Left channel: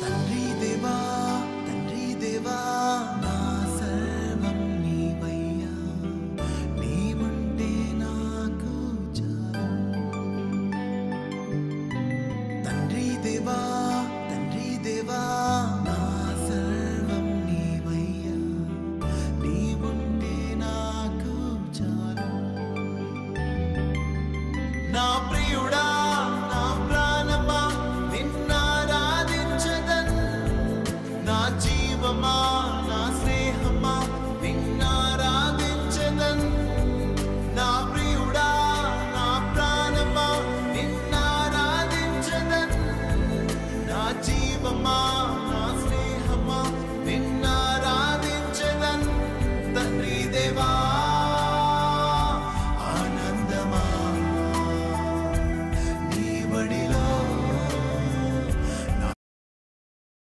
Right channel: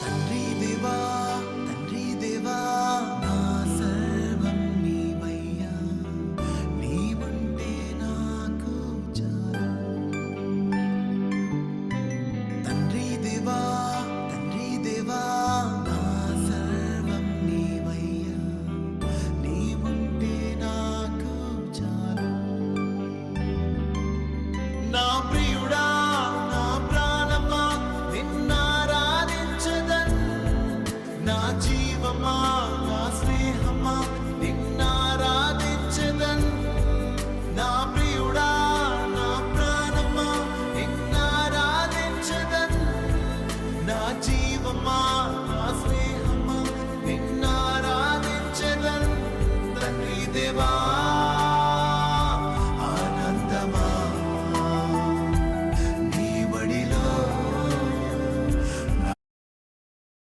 తండ్రి దేవా తండ్రి దేవా నా సర్వం నీవయ్యా, నీవుంటే నాకు చాలు. తండ్రి దేవా తండ్రి దేవా నా సర్వం నీవయ్యా, నీవుంటే నాకు చాలు. నా ప్రియుడా నా ప్రాణమా నిన్నారాధించదన్, నా జీవమా నా స్నేహమా నిన్నారాధించదన్. నా ప్రియుడా నా ప్రాణమా నిన్నారాధించదన్, నా జీవమా నా స్నేహమా నిన్నారాధించదన్. తండ్రి దేవా